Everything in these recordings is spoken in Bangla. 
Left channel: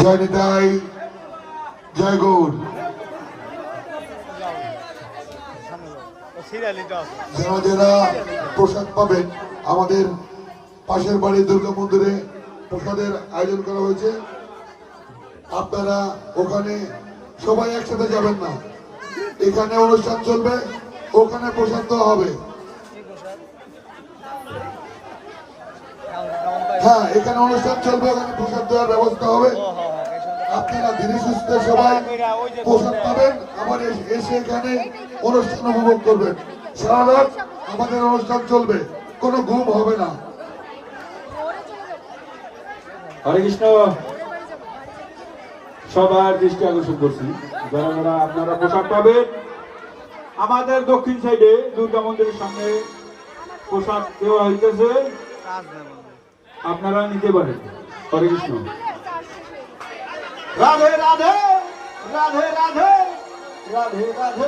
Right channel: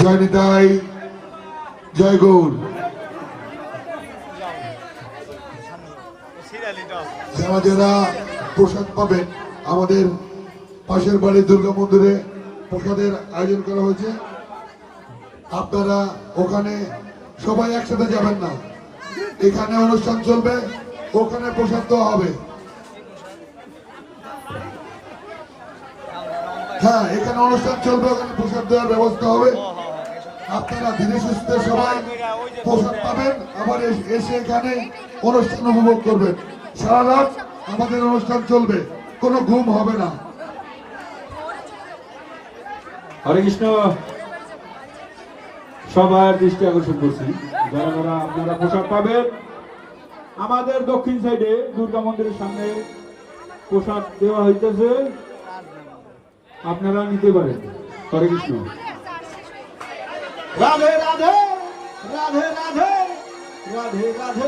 জয় নিতাই, জয় গৌর। যারা প্রসাদ পাবেন, আমাদের পাশের বাড়ির দুর্গা মন্দিরে প্রসাদের আয়োজন করা হয়েছে। আপনারা ওখানে সবাই একসাথে যাবেন না, এখানে অনুষ্ঠান চলবে, ওখানে প্রসাদ দেওয়া হবে। হ্যাঁ, এখানে অনুষ্ঠান চলবে, ওখানে প্রসাদ দেওয়ার ব্যবস্থা হবে। আপনারা ধীরে সুস্থে সবাই প্রসাদ পাবেন, আবার এসে এখানে অনুষ্ঠান উপভোগ করবেন। সারা রাত আমাদের অনুষ্ঠান চলবে, কোনো ঘুম হবে না। হরে কৃষ্ণ। সবার দৃষ্টি আকর্ষণ করছি, যারা যারা আপনারা প্রসাদ পাবেন, আমাদের দক্ষিণ সাইডে দুর্গা মন্দিরের সামনে প্রসাদ দেওয়া হইতেছে, আপনারা নিতে পারেন। হরে কৃষ্ণ। রাধে রাধে, রাধে রাধে, রাধে রাধে।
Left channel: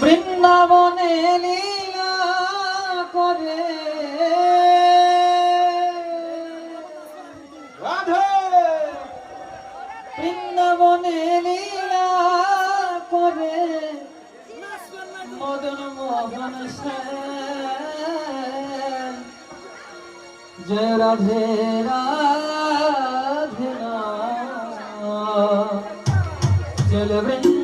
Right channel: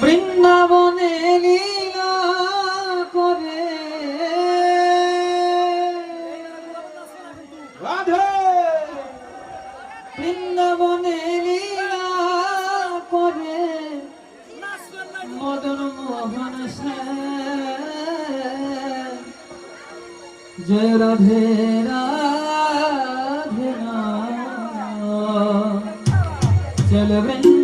বৃন্দাবনে লীলা করে রাধে, বৃন্দাবনে লীলা করে মদন মোহন সেন। জয় রাধে রাধে না চল বৃন্দাবন।